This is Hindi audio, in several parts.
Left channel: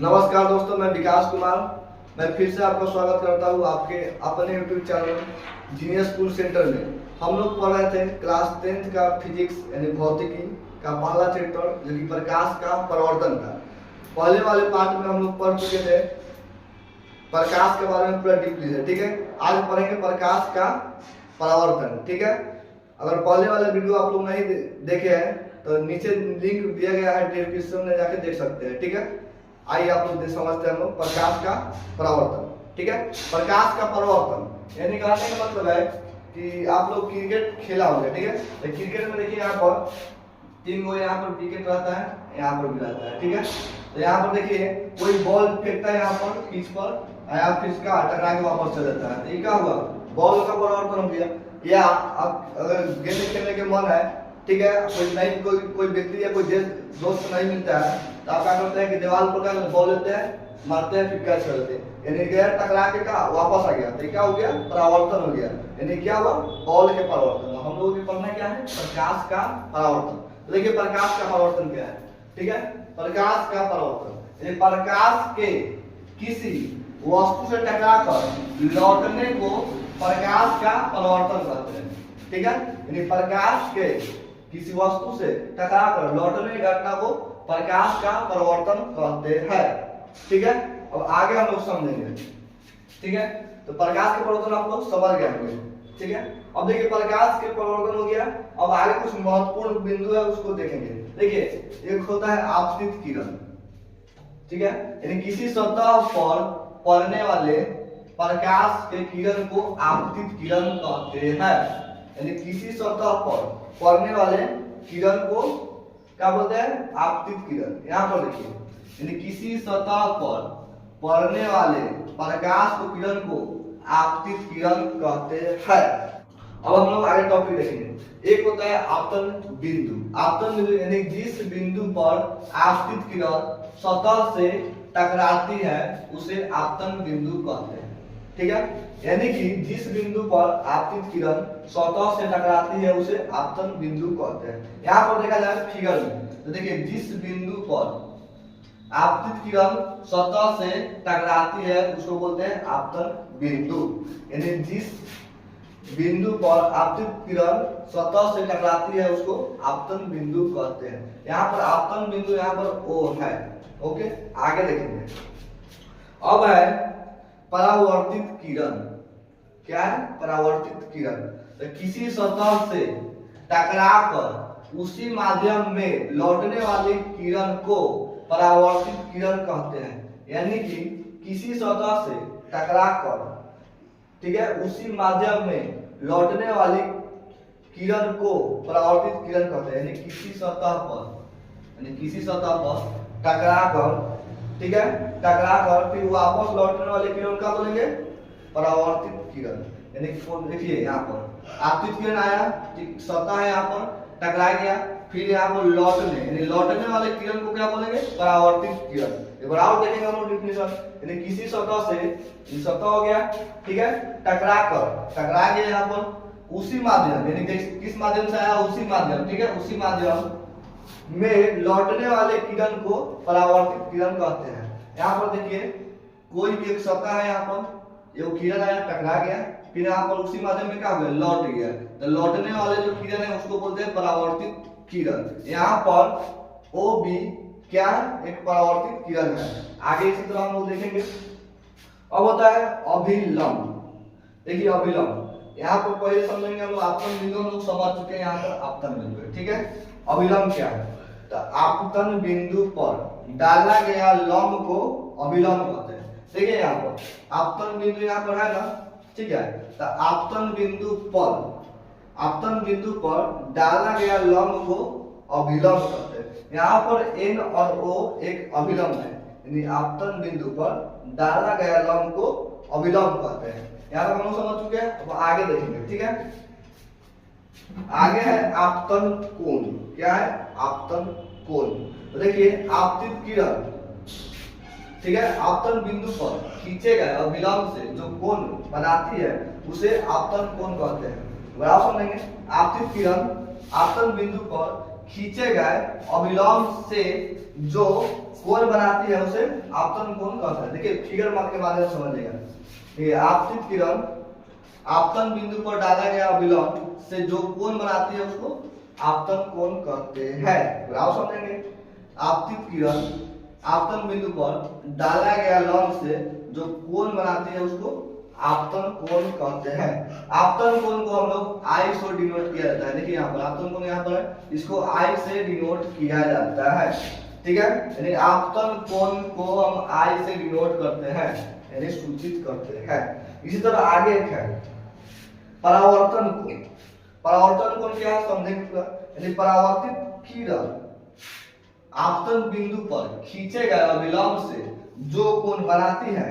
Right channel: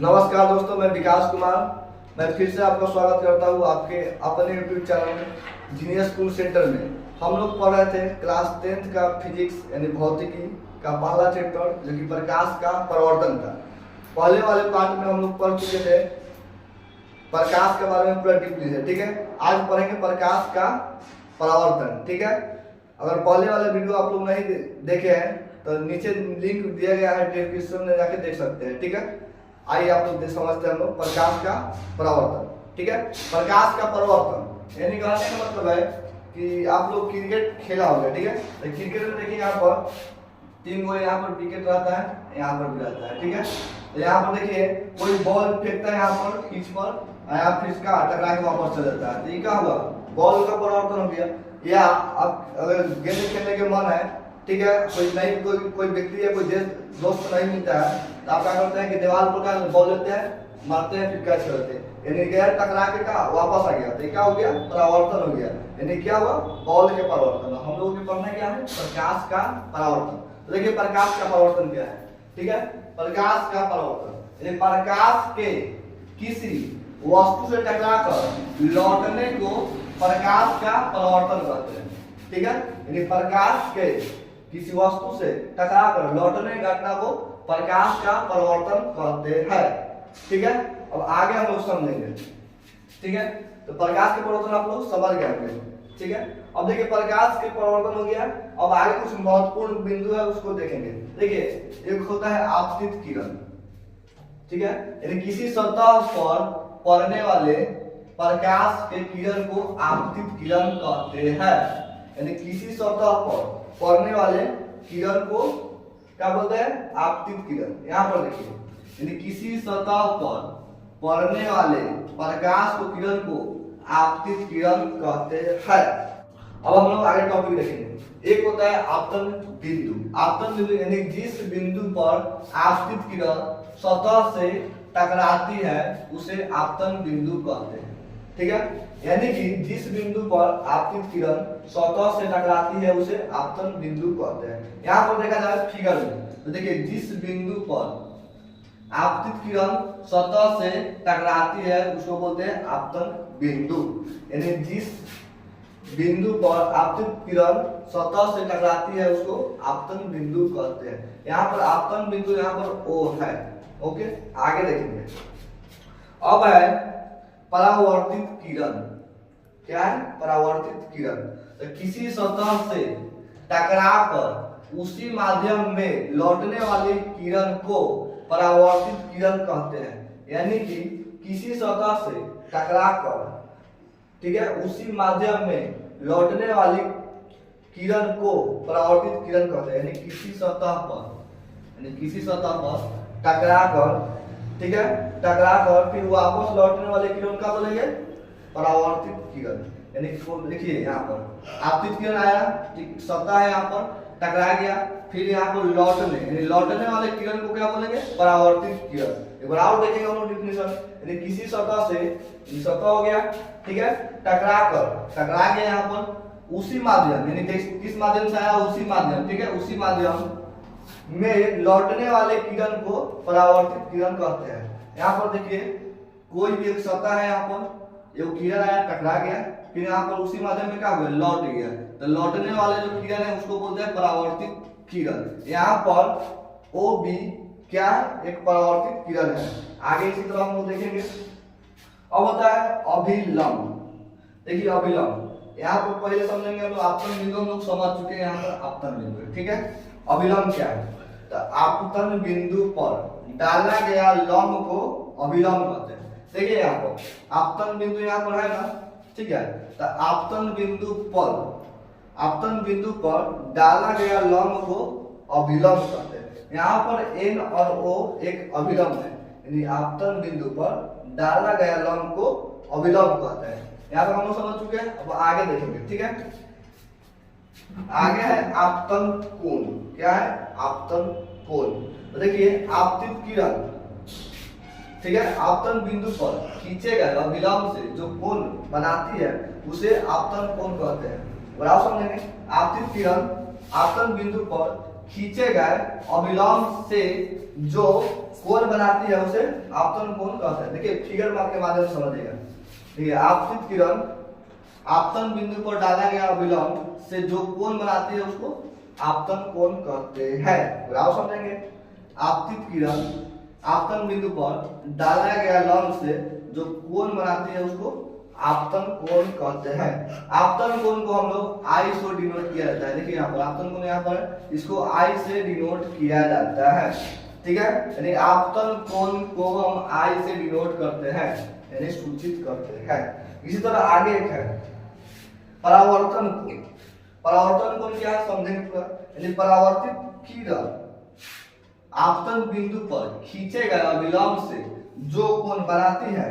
नमस्कार दोस्तों, मैं विकास कुमार। मैं फिर से आपका स्वागत करता हूँ आपके अपने यूट्यूब चैनल में जीनियस स्कूल सेंटर में। हम लोग पढ़ रहे थे क्लास 10th का फिजिक्स यानी भौतिकी का पहला चैप्टर जो कि प्रकाश का परावर्तन था। पहले वाले पार्ट में हम लोग पढ़ चुके थे प्रकाश के बारे में पूरा डीपली है, ठीक है। आज पढ़ेंगे प्रकाश का परावर्तन, ठीक है। अगर पहले वाले वीडियो आप लोग नहीं देखे हैं तो नीचे लिंक दिया गया है, डिस्क्रिप्शन में जाके देख सकते हैं, ठीक है। आइए आप लोग समझते हैं हम लोग प्रकाश का परावर्तन, ठीक है। प्रकाश का परावर्तन यानी कहने का मतलब है कि आप लोग क्रिकेट खेला होगा, ठीक है। तो क्रिकेट में देखिए यहाँ पर 3 गो यहाँ पर विकेट रहता है, यहाँ पर भी रहता है, ठीक है। तो यहाँ पर देखिए कोई बॉल फेंकता है यहाँ पर पिच पर, यहाँ फिर इसका टकरा के वापस चल जाता है। तो ये क्या हुआ, बॉल का परावर्तन हो गया। या अब अगर गेंद खेलने के मन है, ठीक है, कोई व्यक्ति या कोई दोस्त नहीं मिलता है तो आप क्या करते हैं कि दीवार पर क्या बॉल लेते हैं, मारते हैं, फिर कैच करते हैं, यानी टकरा के का वापस आ गया। तो क्या हो गया, परावर्तन हो गया। यानी क्या हुआ, बॉल के परावर्तन। हम लोगों को पढ़ना क्या है, प्रकाश का परावर्तन। तो देखिए प्रकाश का परावर्तन क्या है, ठीक है। प्रकाश का परावर्तन यानी प्रकाश के किसी वस्तु से टकराकर लौटने को प्रकाश का परावर्तन कहते हैं, ठीक है। यानी प्रकाश के किसी वस्तु से टकराकर लौटने की घटना को प्रकाश का परावर्तन कहते हैं, ठीक है। अब आगे हम लोग समझेंगे, ठीक है। तो प्रकाश के परावर्तन आप लोग समझ गए होंगे, ठीक है। अब देखिए प्रकाश के परावर्तन हो गया। अब आगे कुछ महत्वपूर्ण बिंदु है उसको देखेंगे। देखिए एक होता है आपतित किरण, ठीक है। यानी किसी सतह पर पड़ने वाले प्रकाश के किरण को आपतित किरण कहते हैं। यानी किसी सतह पर पड़ने वाले किरण को क्या बोलते हैं, आपतित किरण। यहाँ पर देखिए यानी किसी सतह पर पड़ने वाले प्रकाश को किरण को आपतित किरण कहते हैं। अब हम लोग आगे टॉपिक देखेंगे। एक होता है आपतन बिंदु। आपतन बिंदु यानी जिस बिंदु पर आपतित किरण सतह से टकराती है उसे आपतन बिंदु कहते हैं, ठीक है। यानी कि जिस बिंदु पर आपतित किरण सतह से टकराती है उसे आपतन बिंदु कहते हैं। यहाँ पर देखा जाए फिगर में, तो देखिए जिस बिंदु पर आपतित किरण सतह से टकराती है उसको बोलते हैं आपतन बिंदु। यानी जिस बिंदु पर आपतित किरण सतह से टकराती है उसको आपतन बिंदु कहते हैं। यहाँ पर आपतन बिंदु यहाँ पर O है, ओके। आगे देखेंगे। अब है परावर्तित किरण। क्या है, परावर्तित किरण। तो किसी सतह से टकराकर उसी माध्यम में लौटने वाली किरण को परावर्तित किरण कहते हैं। यानी कि किसी सतह से टकराकर, ठीक है, उसी माध्यम में लौटने वाली किरण को परावर्तित किरण कहते हैं। यानी किसी सतह पर टकराकर, ठीक है, टकराकर फिर वापस लौटने वाले किरण का बोलेंगे परावर्तित किरण। यानी देखिए यहाँ पर आपतित किरण आया, ठीक, सतह है यहाँ पर, टकरा गया, फिर यहाँ पर लौटने वाले किरण को क्या बोलेंगे, परावर्तित किरण। एक बार और देखेंगे हम लोग डिफिनेशन। यानी किसी सतह से, ये सतह हो गया, ठीक है, टकरा गया यहाँ पर उसी माध्यम, यानी किस माध्यम से आया, उसी माध्यम, ठीक है, उसी माध्यम में लौटने वाले किरण को परावर्तित किरण कहते हैं। यहाँ पर देखिए कोई भी एक सतह है, यहाँ पर एक किरण आया, टकरा गया, फिर यहाँ पर उसी माध्यम में क्या हो गया, लौट गया। तो लौटने वाले जो किरण है उसको बोलते हैं परावर्तित किरण। यहाँ पर O भी क्या है, एक परावर्तित किरण है। आगे इसी तरह हम लोग देखेंगे। अब होता है अभिलंब। देखिए अभिलंब, यहाँ पर पहले समझेंगे हम लोग आपतन बिंदु, हम लोग समझ चुके हैं यहाँ पर आपतन बिंदु, ठीक है। अभिलंब क्या है, तो आपतन बिंदु पर डाला गया लंब को अभिलंब कहते हैं। देखिए यहाँ पर आपतन बिंदु यहाँ पर है ना, ठीक है। तो आपतन बिंदु पर डाला गया लंब को अभिलंब कहते हैं। यहाँ पर N और O एक अभिलंब है, यानी आपतन बिंदु पर डाला गया लंब को अभिलंब कहते हैं। यहाँ तक हम लोग समझ चुके हैं। अब आगे देखेंगे, ठीक है। आगे है आपतन कोण। क्या है, आपतन कोण। तो देखिए आपतित किरण, ठीक है, आपतन बिंदु पर खींचे गए अभिलंब से जो कोण बनाती है उसे आपतन कोण कहते हैं। बराबर समझेंगे। आपतित किरण आपतन बिंदु पर खींचे गए अभिलंब से जो कोण बनाती है उसे आपतन कोण कहते हैं। देखिए फिगर के माध्यम से समझिएगा। ये आपतित किरण आपतन बिंदु पर डाला गया अभिलंब से जो कोण बनाती है उसको आपतन कोण कहते हैं। ग्राफ समझेंगे। आपतित किरण आपतन बिंदु पर डाला गया लंब से जो कोण बनाती है उसको आपतन कोण कहते हैं। आपतन कोण को हम लोग आई से डिनोट किया जाता है। देखिए यहाँ पर आपतन कोण यहाँ पर इसको आई से डिनोट किया जाता है। ठीक है, यानी आपतन कोण को हम आई से डिनोट करते हैं यानी सूचित करते हैं। इसी तरह आगे एक है परावर्तन कोण। परावर्तन कोण क्या समझेंगे पूरा। यानी परावर्तित किरण आपतन बिंदु पर खींचे गए अभिलंब से जो कोण बनाती है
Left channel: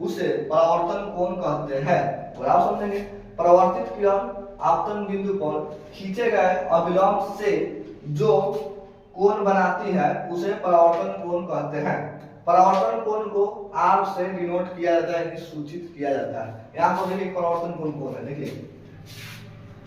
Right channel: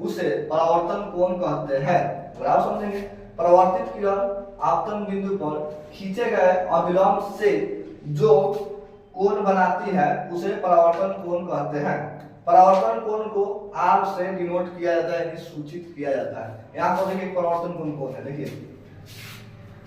उसे परावर्तन कोण कहते हैं। और आप समझेंगे परावर्तित किरण आपतन बिंदु पर खींचे गए अभिलंब से जो कोण बनाती है उसे परावर्तन कोण कहते हैं। परावर्तन कोण को आर से डिनोट किया जाता है, सूचित किया जाता है। यहाँ पर देखिए परावर्तन कोण कौन है। देखिए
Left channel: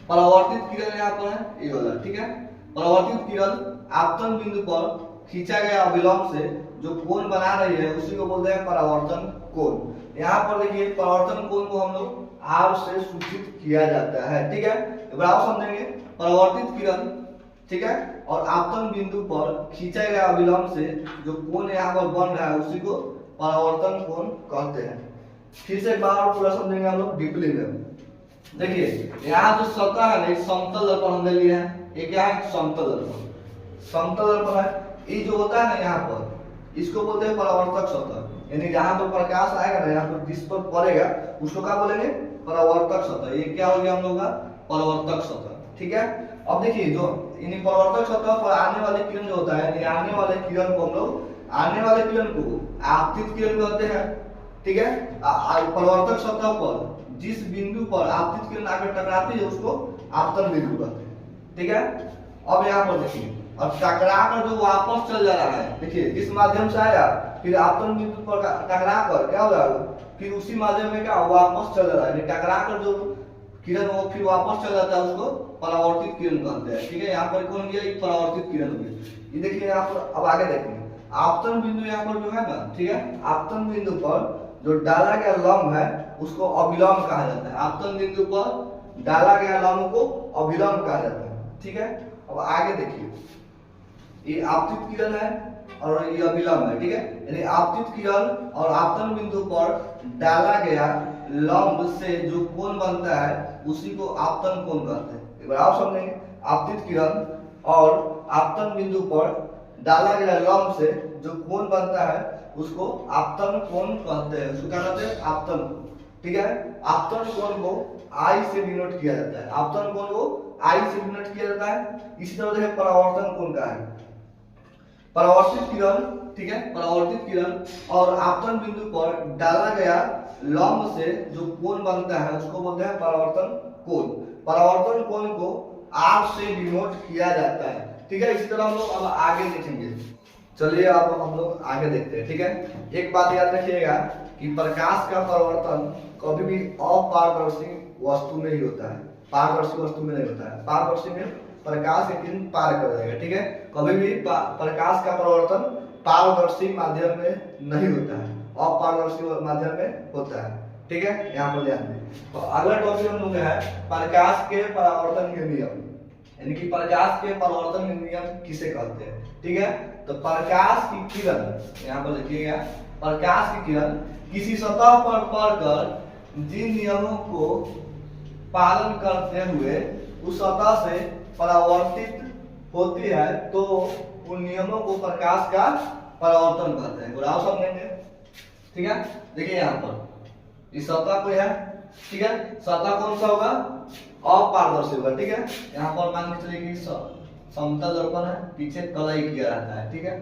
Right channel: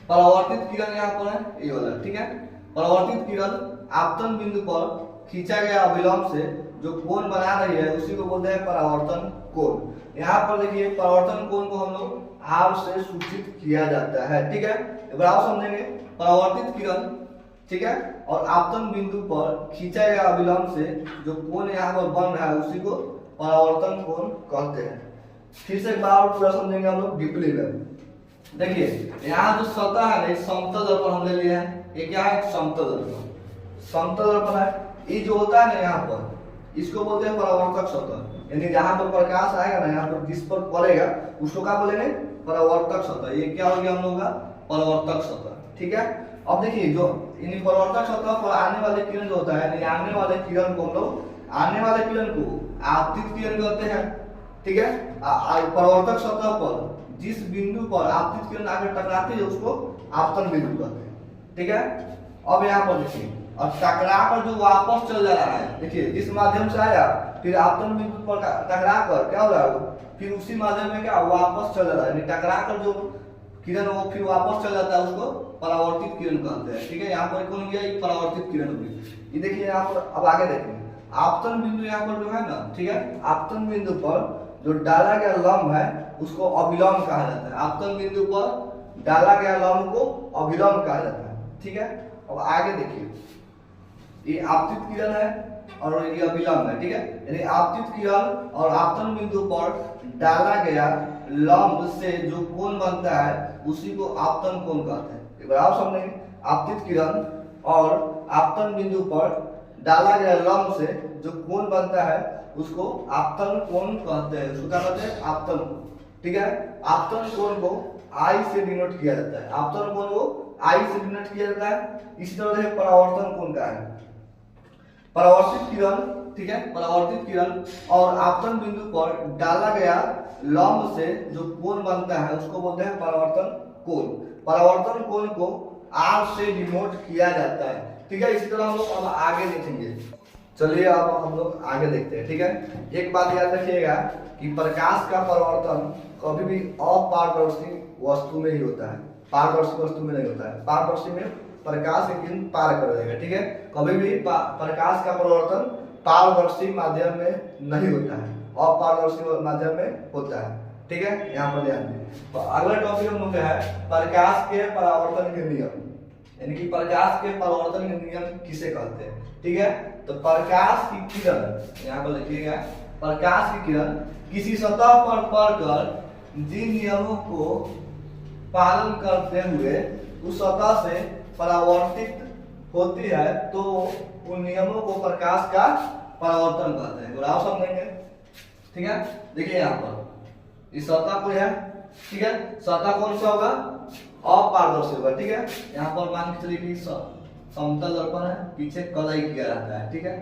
परावर्तित किरण यहाँ पर है, ये वाला। ठीक है, परावर्तित किरण आपतन बिंदु पर खींचा गया अभिलंब से जो कोण बना रही है उसी को बोलते हैं परावर्तन कोण। यहाँ पर देखिए परावर्तन कोण को हम लोग आर से सूचित किया जाता है। ठीक है, आप समझेंगे परावर्तित किरण, ठीक है, और आपतन बिंदु पर खींचा गया अभिलंब से जो कोण यहाँ पर बन रहा है उसी को परावर्तन कोण कहते हैं। फिर से एक बार पूरा समझेंगे हम लोग डीपली में। देखिए यहाँ जो सतह है एक समतल दर्पण हमने लिया है। ये क्या है? समतल दर्पण। समतल दर्पण है, ये जो होता है ना यहाँ पर इसको बोलते हैं परावर्तक सतह। यानी जहां पर प्रकाश आएगा ना यहाँ पर जिस पर पड़ेगा उसको क्या बोलेंगे? परावर्तक सतह। ये क्या हो गया हम लोग का? परावर्तक सतह। ठीक है, अब देखिए जो इन परावर्तक सतह पर आने वाले किरण जो होता है, आने वाले किरण को हम लोग आने वाले किरण को आपतित किरण कहते हैं। ठीक है, परावर्तक सतह पर जिस बिंदु पर आपतित किरण आकर टकराती है उसको आपतन बिंदु कहते हैं। ठीक है, अब यहाँ पर देखिए और टकरा कर जो वापस चल जा रहा है, देखिए जिस माध्यम से आया फिर आपतन बिंदु पर टकरा कर क्या हो रहा है फिर उसी माध्यम में क्या वापस चल रहा है। टकरा कर जो किरण वो फिर वापस चल जाता है उसको परावर्तित किरण कहते हैं। ठीक है, यहाँ पर कौन गया? ये परावर्तित किरण हो गई। ये देखिए यहाँ पर अब आगे देखेंगे आपतन बिंदु यहाँ पर जो है ना, ठीक है, आपतन बिंदु पर जो डाला गया लंब है उसको अभिलंब कहा जाता है। आपतन बिंदु पर डाला गया लंब को अभिलंब कहा जाता है। ठीक है, अब आगे देखिए ये आपतित किरण है और ये अभिलंब है। ठीक है, यानी आपतित किरण और आपतन बिंदु पर डाला गया लंब से जो कोण बनता है उसी को आपतन कोण कहते हैं। एक बार आप समझेंगे आपतित किरण और आपतन बिंदु पर डाला गया लंब से जो कोण बनता है उसको आपतन कोण कहते हैं। उसको क्या कहते हैं? आपतन कोण। ठीक है, आपतन कोण को आई से डिनोट किया जाता है। आपतन कोण को आई से डिनोट किया जाता है। इसी तरह से परावर्तन कोण का है परावर्तित किरण। ठीक है, परावर्तित किरण और आपतन बिंदु पर डाला गया लंब से जो कोण बनता है उसको बोलते हैं परावर्तन कोण। परावर्तन कोण को आर से डिनोट किया जाता है। ठीक है, इसी तरह हम लोग अब आगे देखेंगे। चलिए अब हम लोग आगे देखते हैं। ठीक है, एक बात याद रखिएगा कि प्रकाश का परावर्तन कभी भी अपारदर्शी वस्तु में ही होता है, पारदर्शी वस्तु में नहीं होता है। पारदर्शी में प्रकाश की किरण पार कर जाएगा। ठीक है, कभी भी प्रकाश का परावर्तन पारदर्शी माध्यम में नहीं होता है, अपारदर्शी माध्यम में होता है। ठीक है, यहाँ पर ध्यान दें। तो अगला टॉपिक हम लोग है प्रकाश के परावर्तन के नियम, यानी कि प्रकाश के परावर्तन के नियम किसे कहते हैं। ठीक है, तो प्रकाश की किरण यहाँ पर देखिएगा, प्रकाश की किरण किसी सतह पर पड़कर जिन नियमों को पालन करते हुए उस सतह से परावर्तित होती है तो उन नियमों को प्रकाश का परावर्तन कहते हैं। और आप समझेंगे। ठीक है, देखिए यहाँ पर इस सतह को है। ठीक है, सतह कौन सा होगा? अपारदर्शी होगा। ठीक है, यहाँ पर मान के चलिए कि समतल दर्पण है, पीछे कलई किया रहता है। ठीक है,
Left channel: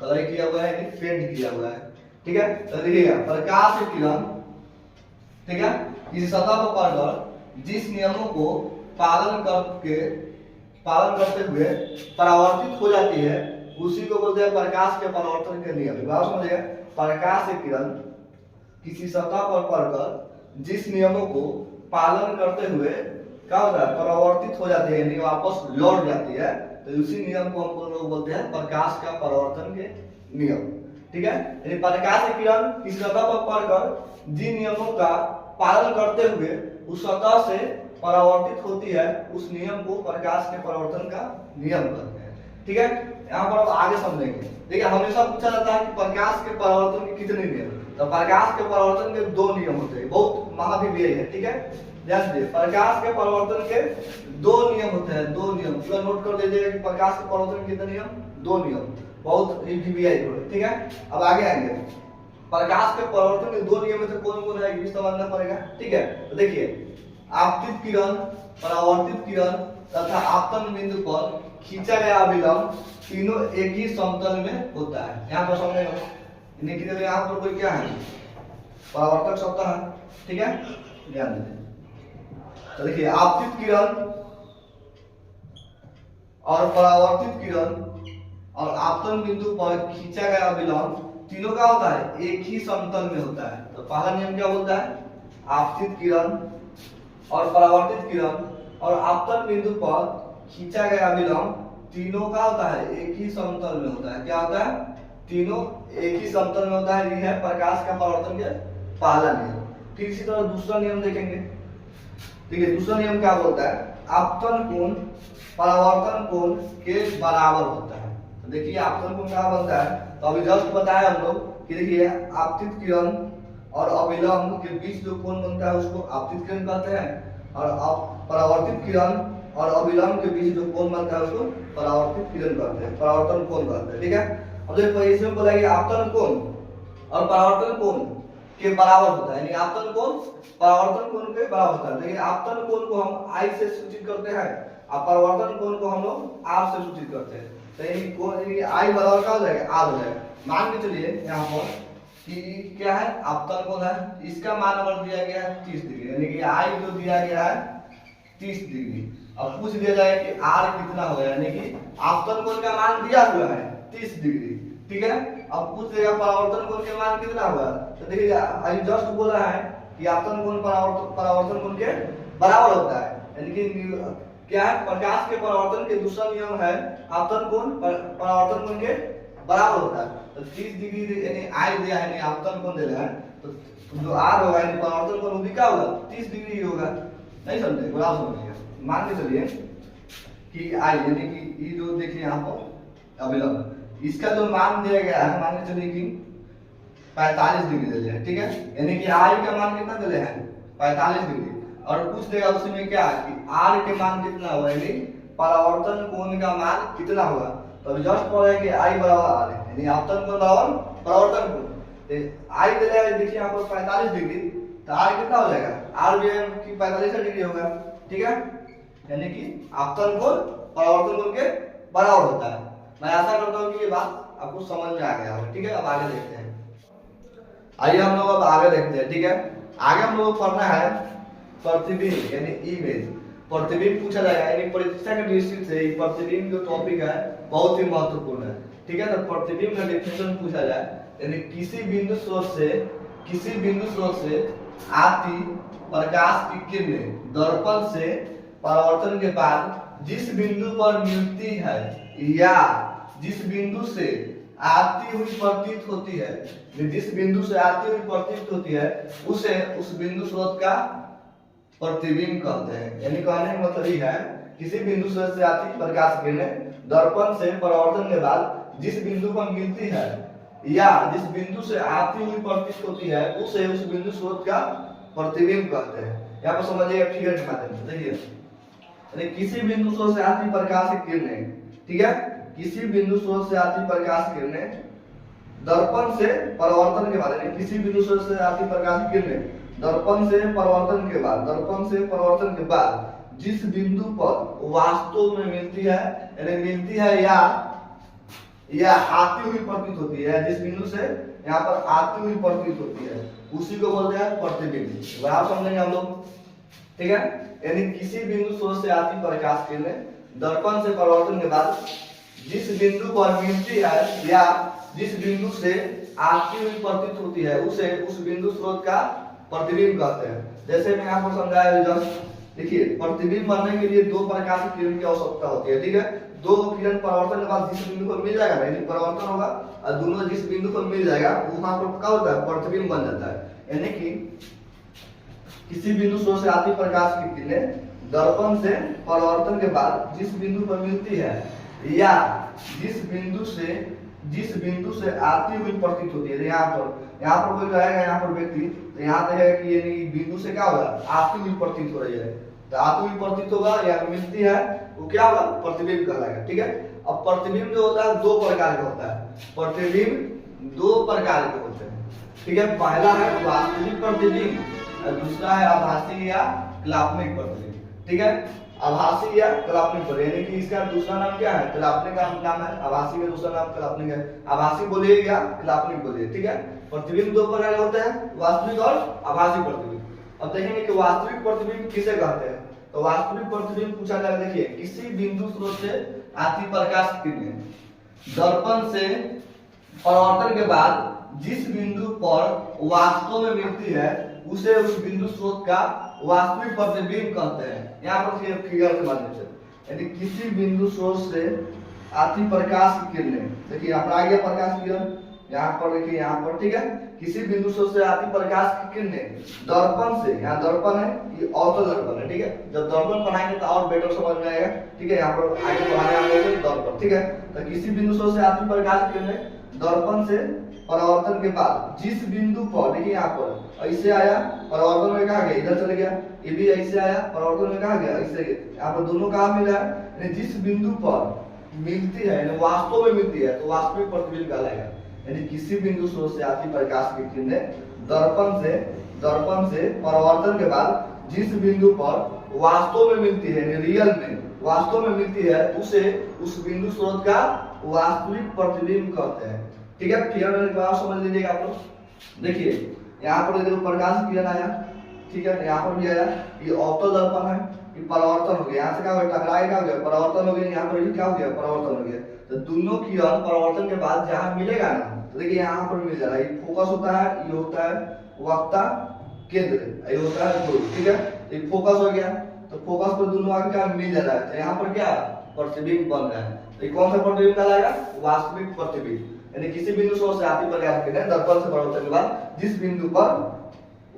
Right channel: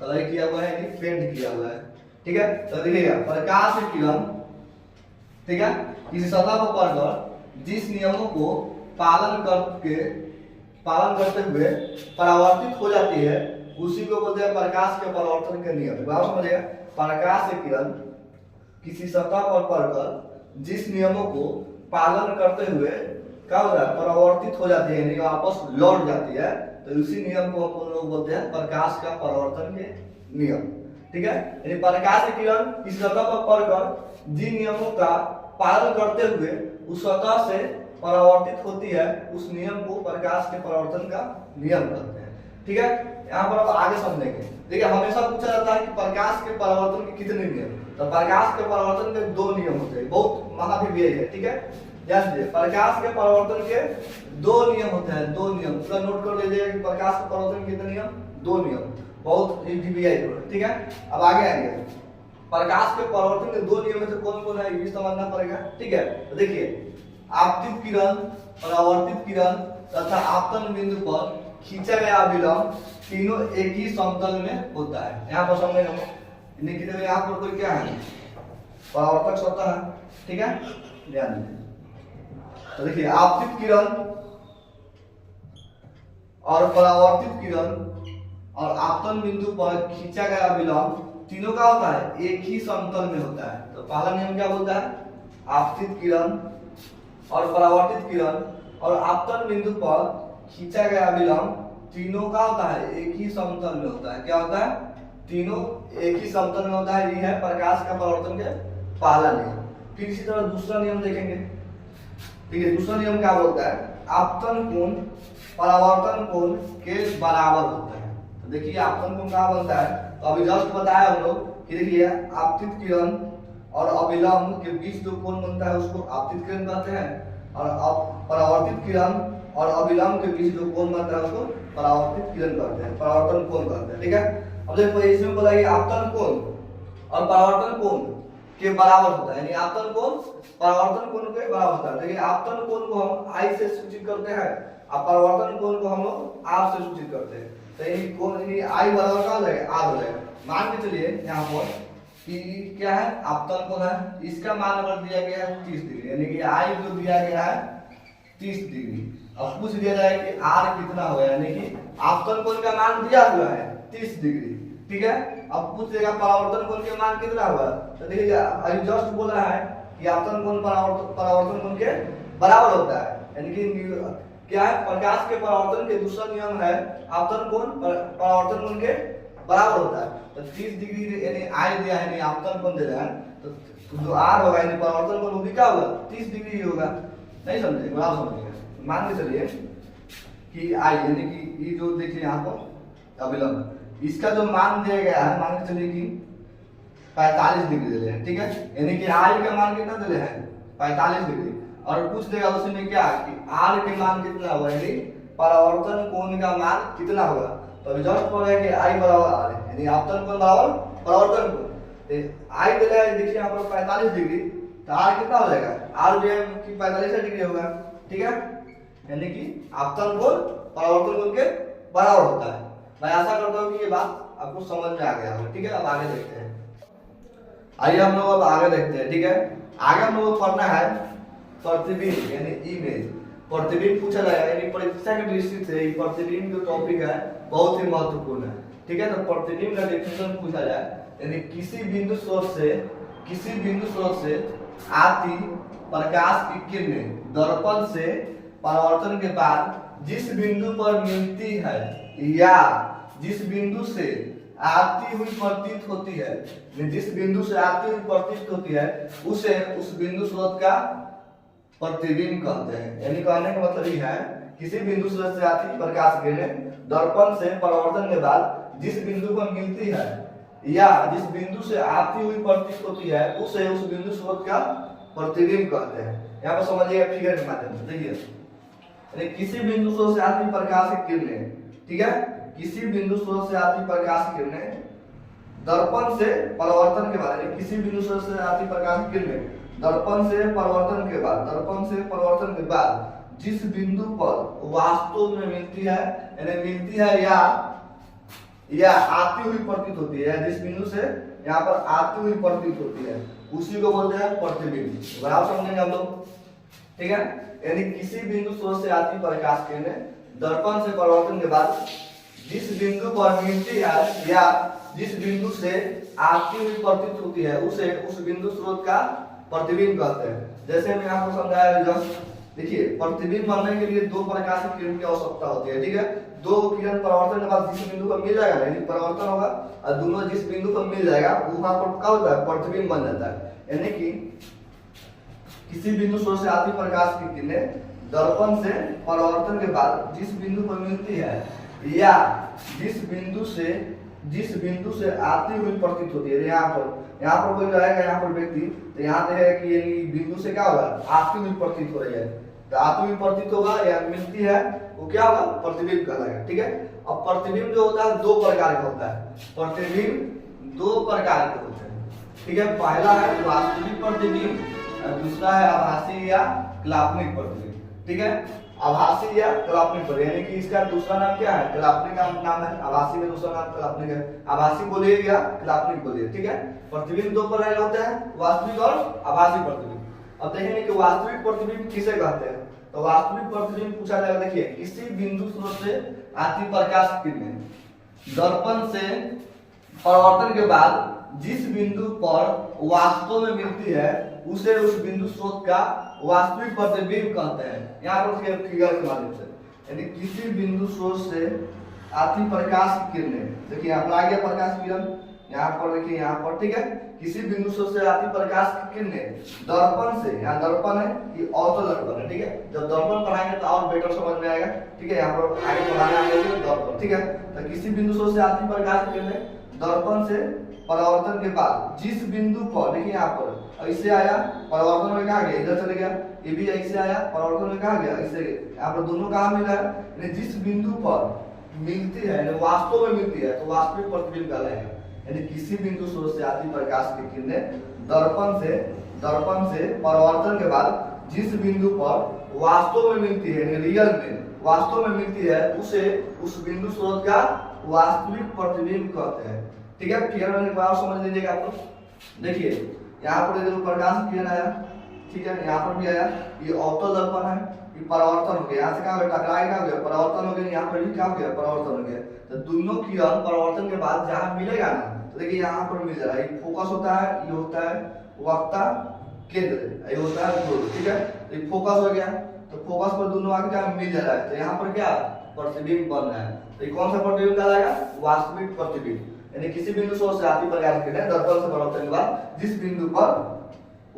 कलई किया हुआ है कि पेंट किया हुआ है। ठीक है, तो देखिएगा प्रकाश की किरण, ठीक है, किसी सतह पर पड़कर जिस नियमों को पालन करते हुए परावर्तित हो जाती है उसी को बोलते हैं प्रकाश के परावर्तन के नियम। बात समझिए, प्रकाश की किरण किसी सतह पर पड़कर जिस नियमों को पालन करते हुए क्या होता है? परावर्तित हो जाती है, यानी वापस लौट जाती है तो उसी नियम को हम लोग बोलते हैं प्रकाश का परावर्तन के नियम। ठीक है, यानी प्रकाश की किरण इस सतह पर पड़कर जिन नियमों का पालन करते हुए उस सतह से परावर्तित होती है, उस नियम को प्रकाश के परावर्तन का नियम कहते हैं। ठीक है, यहाँ पर आप आगे समझेंगे। देखिए, हमेशा पूछा जाता है कि प्रकाश के परावर्तन के कितने नियम, तो प्रकाश के परावर्तन के 2 नियम होते हैं, बहुत महाविव्यय है। ठीक है, ध्यान दीजिए, प्रकाश के परावर्तन के 2 नियम होते हैं, 2 नियम पूरा नोट कर लीजिए कि प्रकाश के परावर्तन के कितने नियम, 2 नियम, बहुत विव्यय है। ठीक है, अब आगे आएंगे। प्रकाश के परावर्तन के 2 नियम में से कौन कौन है ये समझना पड़ेगा। ठीक है, तो देखिए, आपतित किरण, परावर्तित किरण तथा आपतन बिंदु पर खींचा गया अभिलंब तीनों एक ही समतल में होता है। यहाँ पर समझ लो, यहाँ पर कोई क्या है, परावर्तक सतह है। ठीक है, ध्यान दीजिए। तो देखिए, आपतित किरण और परावर्तित किरण और आपतन बिंदु पर खींचा गया अभिलंब तीनों का होता है एक ही समतल में होता है। तो पहला नियम क्या बोलता है, आपतित किरण और परावर्तित किरण और आपतन बिंदु पर खींचा गया अभिलंब तीनों का होता है एक ही समतल में होता है। क्या होता है, तीनों एक ही समतल में होता है। ये है प्रकाश का परावर्तन के पहला नियम। फिर इसी तरह दूसरा नियम देखेंगे। देखिए, दूसरा नियम क्या बोलता है, आपतन कोण परावर्तन कोण के बराबर होता है। तो देखिए, आपतन कोण क्या बनता है, तो अभी जस्ट बताया हम लोग कि देखिए, आपतित किरण और अभिलंब के बीच जो कोण बनता है उसको आपतित किरण कहते हैं, और परावर्तित किरण और अभिलंब के बीच जो कोण बनता है उसको परावर्तित किरण कहते हैं, परावर्तन कोण कहते हैं। ठीक है, अब देखो इसमें बोला कि आपतन कोण और परावर्तन कोण के बराबर होता है, यानी आपतन कोण परावर्तन कोण के बराबर होता है। देखिए, आपतन कोण को हम आई से सूचित करते हैं और परावर्तन कोण को हम लोग आर से सूचित करते हैं। तो ये कोण आई बराबर क्या हो जाएगा, आर हो जाएगा। मान के चलिए यहाँ पर कि क्या है, आपतन कोण है, इसका मान अगर दिया गया है 30 डिग्री, यानी कि आई जो दिया गया है 30 डिग्री। अब पूछ दिया जाए कि आर कितना होगा, यानी कि आपतन कोण का मान दिया हुआ है 30 डिग्री। ठीक है, अब पूछ देगा परावर्तन कोण के मान कितना होगा। तो देखिए, अभी जस्ट बोला है कि आपतन कोण परावर्तन कोण के बराबर होता है, यानी कि क्या है, प्रकाश के परावर्तन के दूसरा नियम है आपतन कोण परावर्तन कोण के बराबर होता है। तो 30 डिग्री यानी आई दिया है, यानी आपतन कोण दे रहा है, तो जो आर होगा यानी परावर्तन कोण वो भी क्या होगा, 30 डिग्री होगा। नहीं समझे, बराबर समझिए। मान के चलिए कि आई यानी कि ये जो देखिए यहाँ पर अभिलंब, इसका जो मान दिया गया है, मान के चलिए कि 45 डिग्री दे रहे हैं। ठीक है, यानी कि आई का मान कितना दे रहे हैं, 45 डिग्री, और पूछ देगा उसमें क्या कि आर के मान कितना होगा, यानी परावर्तन कोण का मान कितना होगा। तो अभी जस्ट बोल रहे हैं कि आई बराबर आर है, यानी आपतन कोण बराबर परावर्तन कोण। आई दे रहा है, देखिए यहाँ पर 45 डिग्री, तो आर कितना हो जाएगा, आर भी 45 डिग्री होगा। ठीक है, यानी कि आपतन कोण परावर्तन कोण के बराबर होता है। मैं आशा करता हूँ कि ये बात आपको समझ में आ गया हो। ठीक है, अब आगे देखते हैं। आइए हम लोग अब आगे देखते हैं। ठीक है, आगे हम लोग को पढ़ना है प्रतिबिंब यानी इमेज। प्रतिबिंब पूछा जाएगा, यानी परीक्षा की दृष्टि से प्रतिबिंब जो टॉपिक है बहुत ही महत्वपूर्ण है। ठीक है, तो प्रतिबिंब का डेफिनेशन पूछा जाए, यानी किसी बिंदु स्रोत से आती प्रकाश की किरणें दर्पण से परावर्तन के बाद जिस बिंदु पर मिलती है या जिस बिंदु से आती हुई प्रतीत होती है, जिस बिंदु से आती हुई प्रतीत होती है उसे उस बिंदु स्रोत का प्रतिबिंब कहते हैं। यानी कहने का मतलब ये है, किसी बिंदु स्रोत से आती प्रकाश किरणें दर्पण से परावर्तन के बाद जिस बिंदु पर मिलती है या जिस बिंदु से आती हुई प्रतीत होती है उसे उस बिंदु स्रोत का प्रतिबिंब कहते हैं। यहाँ पर समझिए फिगर के माध्यम से। देखिए, किसी बिंदु स्रोत से आती प्रकाश की किरणें, ठीक है, किसी बिंदु स्रोत से आती प्रकाश की किरणें दर्पण से परावर्तन के बाद, यानी किसी बिंदु स्रोत से आती प्रकाश की किरणें दर्पण से परावर्तन के बाद जिस बिंदु पर वास्तव में मिलती है, यानी मिलती है या आती हुई प्रतीत होती है, जिस बिंदु से यहाँ पर आती हुई प्रतीत होती है उसी को बोलते हैं प्रतिबिंब। बराबर समझेंगे हम लोग। ठीक है, यानी किसी बिंदु स्रोत से आती प्रकाश किरणें दर्पण से परावर्तन के बाद जिस बिंदु पर मिलती है या जिस बिंदु से आती हुई प्रतीत होती है उसे उस बिंदु स्रोत का प्रतिबिंब कहते हैं। जैसे मैं आपको समझाया, देखिए प्रतिबिंब बनने के लिए दो प्रकार की किरण की आवश्यकता होती है। ठीक है, दो किरण परावर्तन के बाद जिस बिंदु पर मिल जाएगा ना, यानी परावर्तन होगा और दोनों जिस बिंदु पर मिल जाएगा वहां पर क्या होता है, प्रतिबिंब बन जाता है। यानी कि किसी बिंदु स्रोत से आती प्रकाश की किरणें दर्पण से परावर्तन के बाद जिस बिंदु पर मिलती है या जिस बिंदु से आती हुई प्रतीत होती है, यहाँ पर कोई रहेगा, यहाँ पर व्यक्ति, तो यहाँ पे है कि यानी बिंदु से क्या होगा, आती हुई प्रतीत हो रही है, तो आती हुई प्रतीत होगा या मिलती है, वो क्या होगा, प्रतिबिंब कहलाएगा। ठीक है, अब प्रतिबिंब जो होता है दो प्रकार का होता है, प्रतिबिंब दो प्रकार के होते हैं। ठीक है, पहला है वास्तविक प्रतिबिंब, दूसरा है आभासी या कल्पनिक प्रतिबिंब। ठीक है, आभासी या कल्पनिक प्रतिबिंब, यानी कि इसका दूसरा नाम क्या है, कल्पनिक का नाम है, आभासी का दूसरा नाम कल्पनिक है। आभासी बोलिए या कल्पनिक बोलिए। ठीक है, प्रतिबिंब दो प्रकार के होते हैं, वास्तविक और आभासी प्रतिबिंब। अब देखेंगे कि वास्तविक प्रतिबिंब किसे कहते हैं। तो वास्तविक प्रतिबिंब पूछा जाएगा, देखिए किसी बिंदु स्रोत से आती प्रकाश की किरणें दर्पण से परावर्तन के बाद जिस बिंदु पर वास्तव में मिलती है उसे उस बिंदु स्रोत का वास्तविक प्रतिबिंब कहते हैं। यहाँ पर फिगर के माध्यम से, यानी किसी बिंदु स्रोत से आती प्रकाश की किरणें, देखिए यहाँ पर आ गया प्रकाश की किरण, यहाँ पर देखिए यहाँ पर। ठीक है, किसी बिंदु स्रोत से आती प्रकाश की किरणें दर्पण से, यहाँ दर्पण है, ये ऑटो दर्पण है। ठीक है, जब दर्पण पढ़ाएंगे तो और बेटर समझ में आएगा। ठीक है, यहाँ पर आगे पढ़ाने आगे दर्पण। ठीक है, तो किसी बिंदु स्रोत से आती प्रकाश की किरणें दर्पण से परावर्तन के बाद जिस बिंदु पर, देखिए यहाँ पर ऐसे आया, परावर्तन में कहा गया, इधर चले गया, ये भी ऐसे आया, परावर्तन में कहा गया, ऐसे, यहाँ पर दोनों कहाँ मिल रहा है, जिस बिंदु पर मिलती है, वास्तव में मिलती है, तो वास्तविक प्रतिबिंब कहलाएगा। यानी किसी बिंदु स्रोत से आती प्रकाश की किरणें दर्पण से परावर्तन के बाद जिस बिंदु पर वास्तव में मिलती है, यानी रियल में वास्तव में मिलती है, उसे उस बिंदु स्रोत का वास्तविक प्रतिबिंब कहते हैं। ठीक है, फिगर में एक बार समझ लीजिएगा आप लोग। देखिए यहाँ पर देखो प्रकाश किरण आया, ठीक है, यहाँ पर भी आया, ये ऑप्टो दर्पण है, ये परावर्तन हो गया, यहाँ से क्या हो गया, टकराए क्या हो गया, परावर्तन हो गया, यहाँ पर भी क्या हो गया, परावर्तन हो गया। तो दोनों किरण परावर्तन के बाद जहाँ मिलेगा ना, तो देखिए यहाँ पर मिल जा रहा है, ये फोकस होता है, ये होता है वक्ता केंद्र, ये होता है ध्रुव। ठीक है, ये फोकस हो गया, तो फोकस पर दोनों आगे क्या मिल जा रहा है, तो यहाँ पर क्या प्रतिबिंब बन रहा है। तो कौन सा प्रतिबिंब कहलाएगा, वास्तविक प्रतिबिंब। यानी किसी बिंदु स्रोत से आती प्रकाश की किरणें दर्पण से परावर्तन के बाद जिस बिंदु पर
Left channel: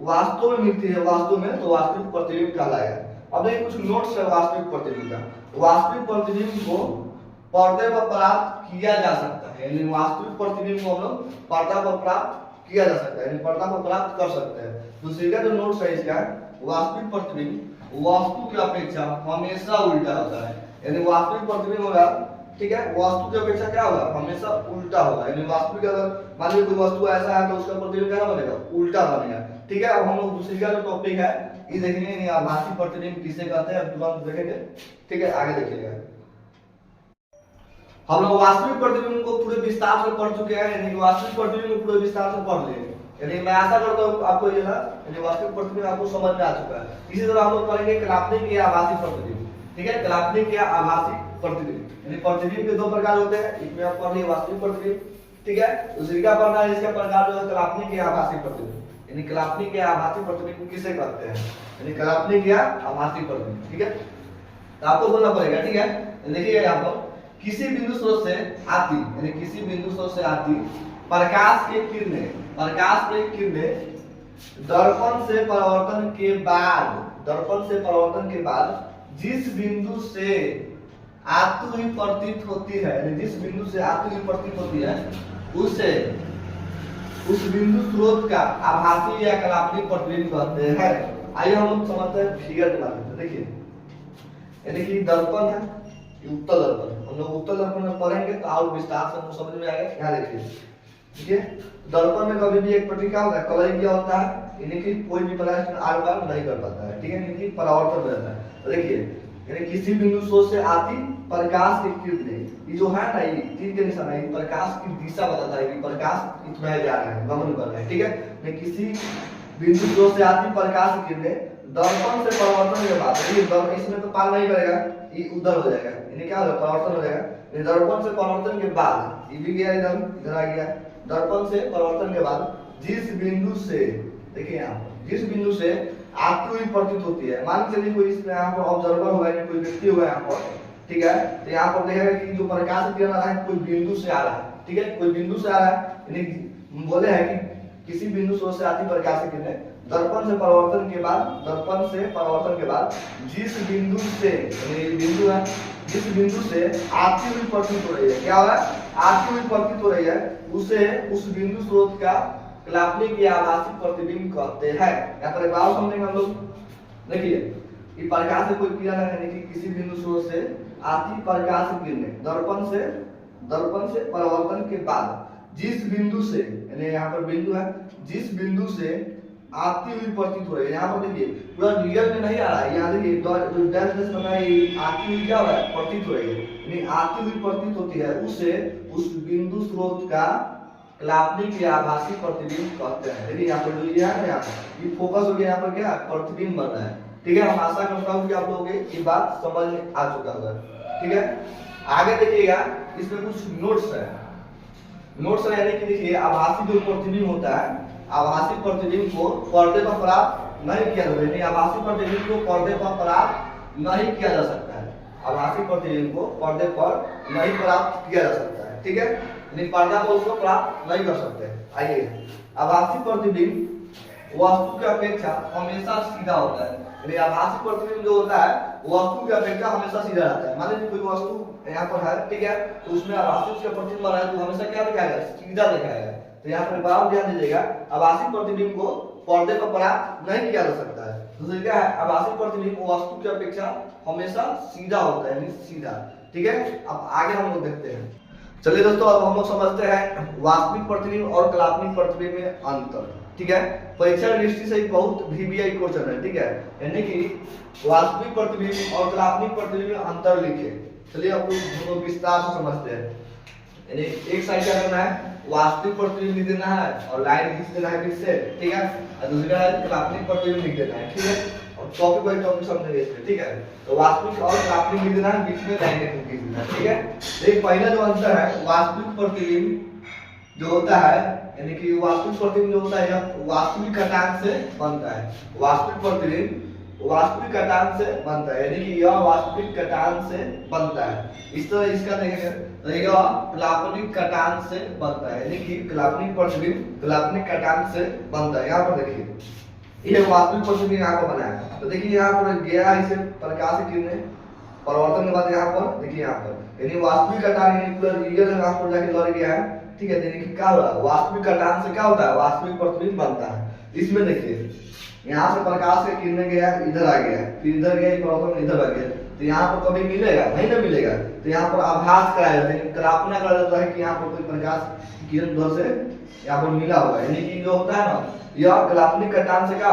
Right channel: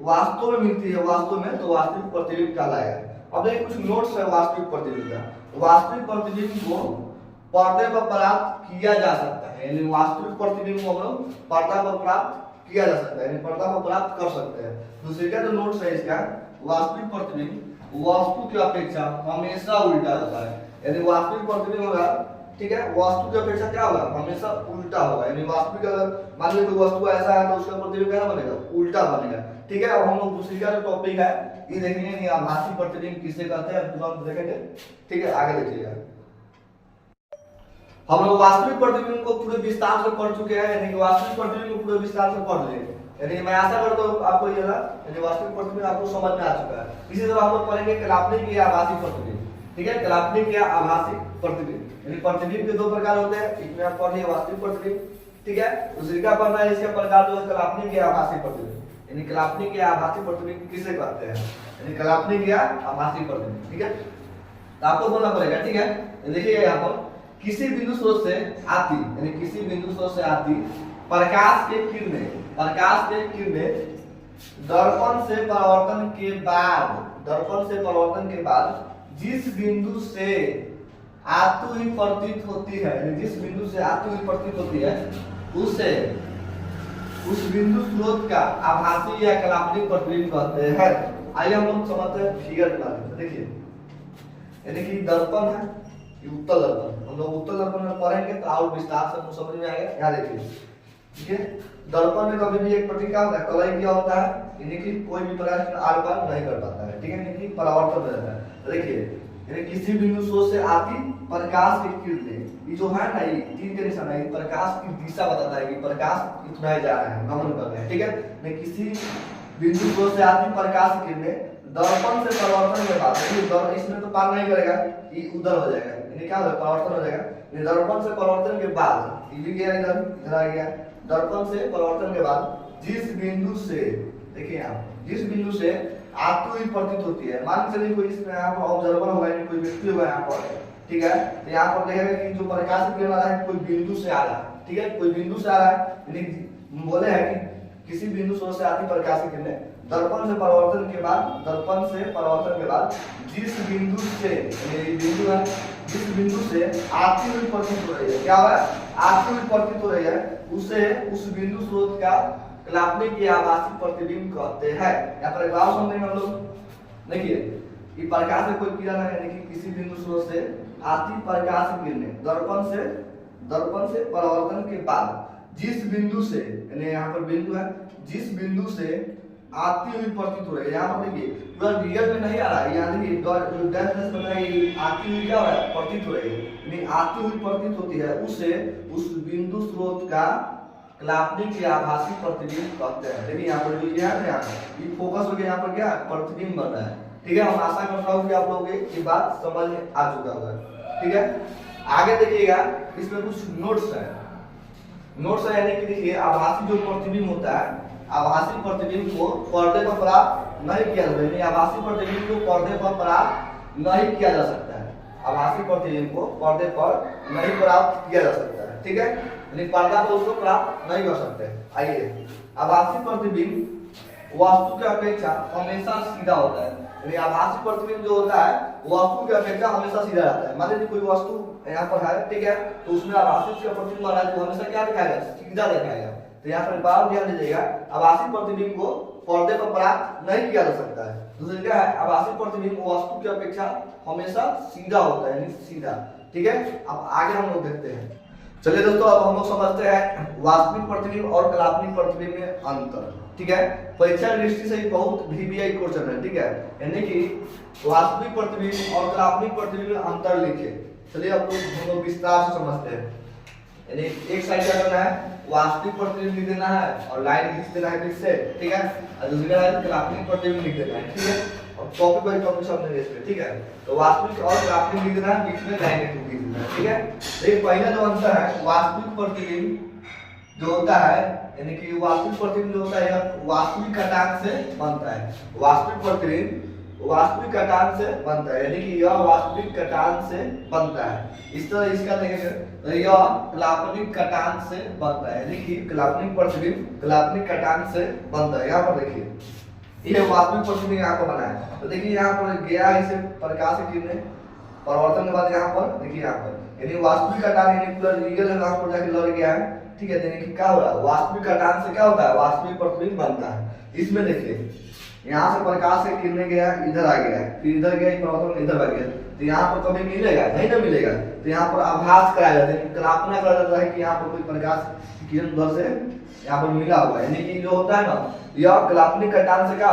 वास्तव में मिलती है, वास्तव में, तो वास्तविक प्रतिबिंब कहलाएगा। अब देखिए कुछ नोट्स है वास्तविक प्रतिबिंब का। वास्तविक प्रतिबिंब को पर्दे पर प्राप्त किया जा सकता है, यानी वास्तविक प्रतिबिंब को हम लोग पर्दा पर प्राप्त किया जा सकता है, यानी पर्दा पर प्राप्त कर सकते हैं। दूसरे का जो नोट्स है इसका, वास्तविक प्रतिबिंब वस्तु की अपेक्षा हमेशा उल्टा होता है। यानी वास्तविक प्रतिबिंब होगा, ठीक है, वस्तु की अपेक्षा क्या होगा, हमेशा उल्टा होगा। यानी वास्तविक अगर मान लीजिए कोई वस्तु ऐसा है तो उसका प्रतिबिंब क्या बनेगा, उल्टा बनेगा। ठीक है, अब हम लोग दूसरी का जो टॉपिक है ये देखेंगे, आभासी प्रतिबिंब किसे कहते हैं, तुरंत देखेंगे। ठीक है, आगे देखिएगा। हम लोग वास्तविक प्रतिबिंब को पूरे विस्तार से पढ़ चुके हैं, यानी वास्तविक प्रतिबिंब को पूरे विस्तार से पढ़ लिए। यानी मैं आशा करता हूँ आपको ये ना, यानी वास्तविक प्रतिबिंब आपको समझ में आ चुका है। इसी तरह हम लोग पढ़ेंगे कल्पनिक या आभासी प्रतिबिंब। ठीक है, कल्पनिक या आभासी प्रतिबिंब, यानी प्रतिबिंब के दो प्रकार होते हैं, इसमें आप पढ़िए वास्तविक प्रतिबिंब। ठीक है, दूसरी का पढ़ना है, इसका प्रकार जो है कल्पनिक या आभासी प्रतिबिंब। यानी कल्पनिक या आभासी प्रतिबिंब किसे कहते हैं, यानी कल्पनिक या आभासी प्रतिबिंब। ठीक है, तो आपको बोलना पड़ेगा। ठीक है, देखिए यहाँ पर किसी बिंदु स्रोत से आती, यानी किसी बिंदु स्रोत से आती प्रकाश के किरणें दर्पण से परावर्तन के बाद जिस बिंदु से आती हुई प्रतीत होती है, यानी जिस बिंदु से आती हुई प्रतीत होती है, उसे उस बिंदु स्रोत का आभासी या कल्पनिक प्रतिबिंब कहते हैं। आइए हम लोग समझते हैं फिगर के माध्यम से। देखिए यानी कि दर्पण है, उत्तल दर्पण, हम लोग उत्तल दर्पण में पढ़ेंगे तो और विस्तार से समझ में आएगा। यहाँ देखिए, ठीक है, दर्पण में कभी भी एक प्रति क्या होता है, कलर क्या होता है, यानी कि कोई भी प्रकाश आर पार नहीं कर पाता है। ठीक है, यानी कि परावर्तन हो जाता है। तो देखिए यानी किसी बिंदु स्रोत से आती प्रकाश की किरणें, ये जो है ना, ये तीर के निशान है, प्रकाश की दिशा बताता है कि प्रकाश इसमें जा रहा है, गमन कर रहा है। ठीक है, मैं किसी बिंदु स्रोत से आती प्रकाश की किरणें दर्पण से परावर्तन के बाद, इसमें तो पार नहीं करेगा, ये उधर हो जाएगा, यानी क्या होगा, परावर्तन हो जाएगा। दर्पण से परावर्तन के बाद ये भी गया, इधर आ गया, दर्पण से परावर्तन के बाद जिस बिंदु से, देखिए यहाँ जिस बिंदु से आती हुई प्रतीत होती है, मान के चलिए कोई इसमें यहाँ पर ऑब्जर्वर होगा, कोई व्यक्ति होगा यहाँ पर, ठीक है। तो यहाँ पर देखेगा कि जो प्रकाश किरण आ रहा है कोई बिंदु से आ रहा है, ठीक है, कोई बिंदु से आ रहा है, यानी बोले हैं कि किसी बिंदु स्रोत से आती प्रकाश की किरणें दर्पण से परावर्तन के बाद जिस बिंदु से, ये बिंदु है, जिस बिंदु से आती हुई प्रतीत हो रही है, क्या हो रहा है, आती हुई प्रतीत हो रही है, उसे उस बिंदु स्रोत का कलात्मक या आभासी प्रतिबिंब कहते हैं। यहाँ पर एक बात समझेंगे हम लोग, देखिए ये प्रकाश से कोई किरण है, यानी कि किसी बिंदु स्रोत से आती प्रकाश की किरणें दर्पण से परावर्तन के बाद जिस बिंदु से, यानी यहाँ पर बिंदु है, जिस बिंदु से आती हुई प्रतीत हो रही है, यहाँ पर देखिए पूरा रियल में नहीं आ रहा है, यहाँ देखिए डैश डैश बनाया, ये आती हुई क्या हो रहा है, प्रतीत हो रही है, यानी आती हुई प्रतीत होती है, उसे उस बिंदु स्रोत का कलात्मक या आभासी प्रतिबिंब कहते हैं। देखिए यहाँ पर जो ये है ना, यहाँ पर ये फोकस हो गया, यहाँ पर क्या प्रतिबिंब बन रहा है, ठीक है। हम आशा करता हूँ कि आप लोगों को ये बात समझ में आ चुका होगा, ठीक है। आगे देखिएगा, इसमें कुछ नोट्स है, यानी कि देखिए आभासी जो प्रतिबिंब होता है, आभासी प्रतिबिंब को पर्दे पर प्राप्त नहीं किया जा सकता, आभासी प्रतिबिंब को पर्दे पर प्राप्त नहीं किया जा सकता है, आभासी प्रतिबिंब को पर्दे पर नहीं प्राप्त किया जा सकता है, ठीक है, यानी पर्दा पर उसको प्राप्त नहीं कर सकते। आइए, आभासी प्रतिबिंब वस्तु की अपेक्षा हमेशा सीधा होता है, यानी आभासी प्रतिबिंब जो होता है वस्तु की अपेक्षा हमेशा सीधा रहता है। मान लीजिए कोई वस्तु यहाँ पर है, ठीक है, तो उसमें आभासी उसका प्रतिबिंब बना है तो हमेशा क्या दिखाएगा, सीधा दिखाएगा। तो यहाँ पर बात ध्यान दीजिएगा, आभासी प्रतिबिंब को पर्दे पर प्राप्त नहीं किया जा सकता है। दूसरी क्या है, आभासी प्रतिबिंब वस्तु की अपेक्षा हमेशा सीधा होता है, यानी सीधा, ठीक है। अब आगे हम लोग देखते हैं। चलिए दोस्तों, अब हम लोग समझते हैं वास्तविक प्रतिबिंब और कलात्मक प्रतिबिंब में अंतर, ठीक है। परीक्षा दृष्टि से बहुत VBI क्वेश्चन है, ठीक है, यानी कि वास्तविक प्रतिबिंब और कलात्मक प्रतिबिंब में अंतर लिखे। चलिए अब हम लोग विस्तार से समझते हैं। यानी एक साइड क्या करना है, वास्तविक प्रतिबिंब लिख देना है और लाइन खींच देना है बीच से, ठीक है, और दूसरी साइड कलात्मक प्रतिबिंब लिख देना है, ठीक है। और टॉपिक बाय टॉपिक समझेंगे इसमें, ठीक है। तो वास्तविक और कलात्मक लिख देना है, बीच में लाइन खींच देना है, ठीक है। देखिए पहला जो अंतर है, वास्तविक प्रतिबिंब जो होता है, यानी कि वास्तविक प्रतिबिंब जो होता है यह वास्तविक घटांक से बनता है, वास्तविक प्रतिबिंब वास्तविक घटांक से बनता है, यानी कि यह वास्तविक घटांक से बनता है। इस तरह इसका देखेंगे तो यह काल्पनिक घटांक से बनता है, यानी कि काल्पनिक प्रतिबिंब काल्पनिक घटांक से बनता है। यहाँ पर देखिए ये वास्तविक प्रतिबिंब यहाँ पर बना है, तो देखिए यहाँ पर गया इसे प्रकाश की किरणें परावर्तन के बाद यहाँ पर देखिए, यहाँ पर यानी वास्तविक घटांक यानी पूरा रियल यहाँ पर जाके लड़ गया है, ठीक है। यानी कि क्या हो रहा है, वास्तविक घटांक से क्या होता है, वास्तविक प्रतिबिंब बनता है। इसमें देखिए यहाँ से प्रकाश के किरणें गया, इधर आ गया, फिर इधर गया, परावर्तन इधर आ गया, तो यहाँ पर कभी मिलेगा नहीं, ना मिलेगा, तो यहाँ पर आभास कराया जाता है, कल्पना करा जाता है कि यहाँ पर कोई प्रकाश की किरण उधर से यहाँ पर मिला हुआ है, यानी कि जो होता है ना, यह काल्पनिक घटांक से क्या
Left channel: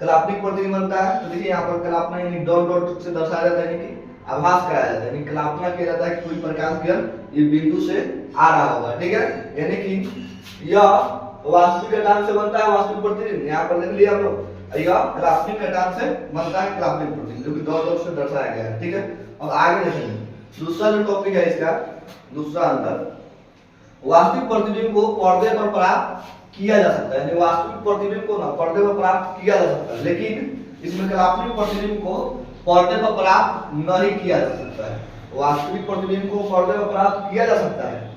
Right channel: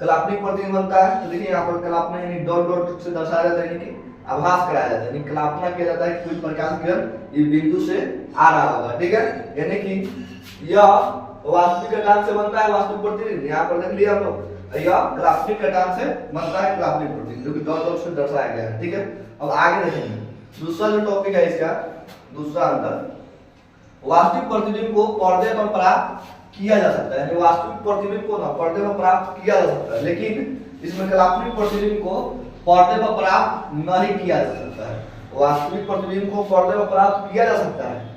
काल्पनिक प्रतिबिंब बनता है। तो देखिए यहाँ पर कल्पना यानी डॉट डॉट से दर्शाया जाता है, यानी कि आभास कराया जाता है, यानी कल्पना किया जाता है कि कोई प्रकाश किरण ये बिंदु से आ रहा होगा, ठीक है। यानी कि यह वास्तविक घटांक से बनता है वास्तविक प्रतिबिंब, यहाँ पर देख लिया हम लोग, यह काल्पनिक घटांक से बनता है काल्पनिक प्रतिबिंब, जो कि डॉट डॉट से दर्शाया गया है, ठीक है। अब आगे देखेंगे दूसरा जो टॉपिक है इसका, दूसरा अंतर, वास्तविक प्रतिबिंब को पर्दे पर प्राप्त किया जा सकता है, यानी वास्तविक प्रतिबिंब को ना पर्दे पर प्राप्त किया जा सकता है, लेकिन इसमें काल्पनिक प्रतिबिंब को पर्दे पर प्राप्त नहीं किया जा सकता है। वास्तविक प्रतिबिंब को पर्दे पर प्राप्त किया जा सकता है,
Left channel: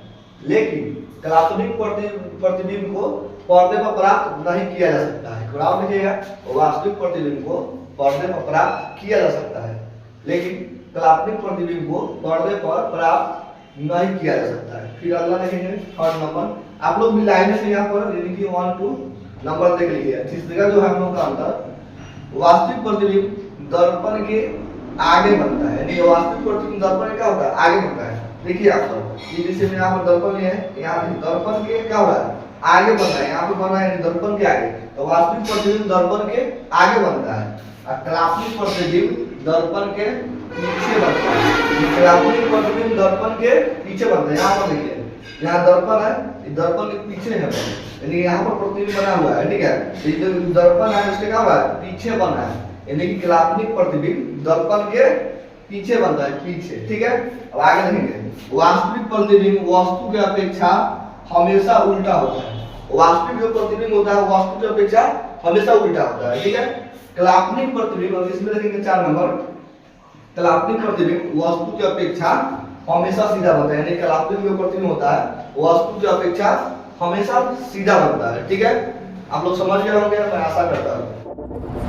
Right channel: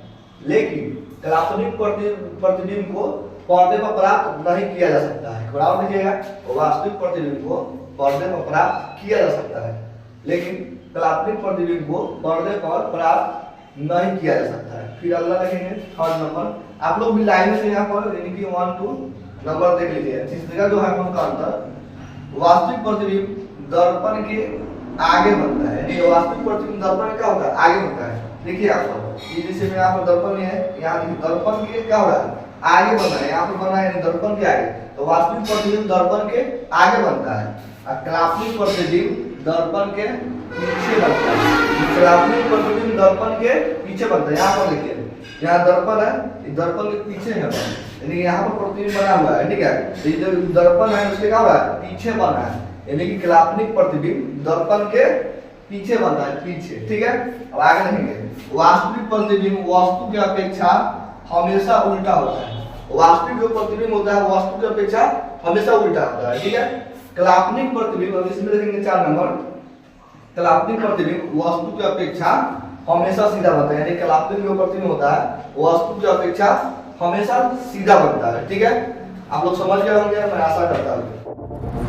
लेकिन काल्पनिक प्रतिबिंब को पर्दे पर प्राप्त नहीं किया जा सकता है। बराबर लिखिएगा, वास्तविक प्रतिबिंब को पर्दे पर प्राप्त किया जा सकता है, लेकिन काल्पनिक प्रतिबिंब को पर्दे पर प्राप्त नहीं किया जा सकता है। फिर अगला देखेंगे थर्ड नंबर, आप लोग भी लाइन से यहाँ पर यानी कि 1 2 नंबर देख लीजिए। तीसरा जो है हम लोग का अंतर, वास्तविक प्रतिबिंब दर्पण के आगे बनता है, यानी वास्तविक प्रतिबिंब दर्पण क्या होता है, आगे बनता है। देखिए आप लोग जैसे मैं यहाँ पर दर्पण है, यहाँ दर्पण के क्या हो रहा है, आगे बन रहा है, यहाँ पे बना है दर्पण के आगे, तो वास्तविक प्रतिबिंब दर्पण के आगे बनता है, और काल्पनिक प्रतिबिंब दर्पण के पीछे बनता है। काल्पनिक प्रतिबिंब दर्पण के पीछे बनता है, यहाँ पर देखिए, यहाँ दर्पण है, दर्पण के पीछे है, यानी यहाँ पर प्रतिबिंब बना हुआ है, ठीक है। ये जो दर्पण है उसके क्या हुआ है, पीछे बना है, यानी कि काल्पनिक प्रतिबिंब दर्पण के पीछे बनता है, पीछे, ठीक है। अब आगे देखेंगे, वास्तविक प्रतिबिंब वस्तु की अपेक्षा हमेशा उल्टा होता है, वास्तविक जो प्रतिबिंब होता है वस्तु की अपेक्षा हमेशा उल्टा होता है, ठीक है। काल्पनिक प्रतिबिंब, इसमें देखेंगे 4 नंबर, कलात्मक प्रतिबिंब वस्तु की अपेक्षा हमेशा सीधा बनता है, यानी कलात्मक जो प्रतिबिंब होता है वो वस्तु की अपेक्षा हमेशा सीधा बनता है। ठीक है, आप लोग समझ गए होंगे, मैं आशा करता हूँ।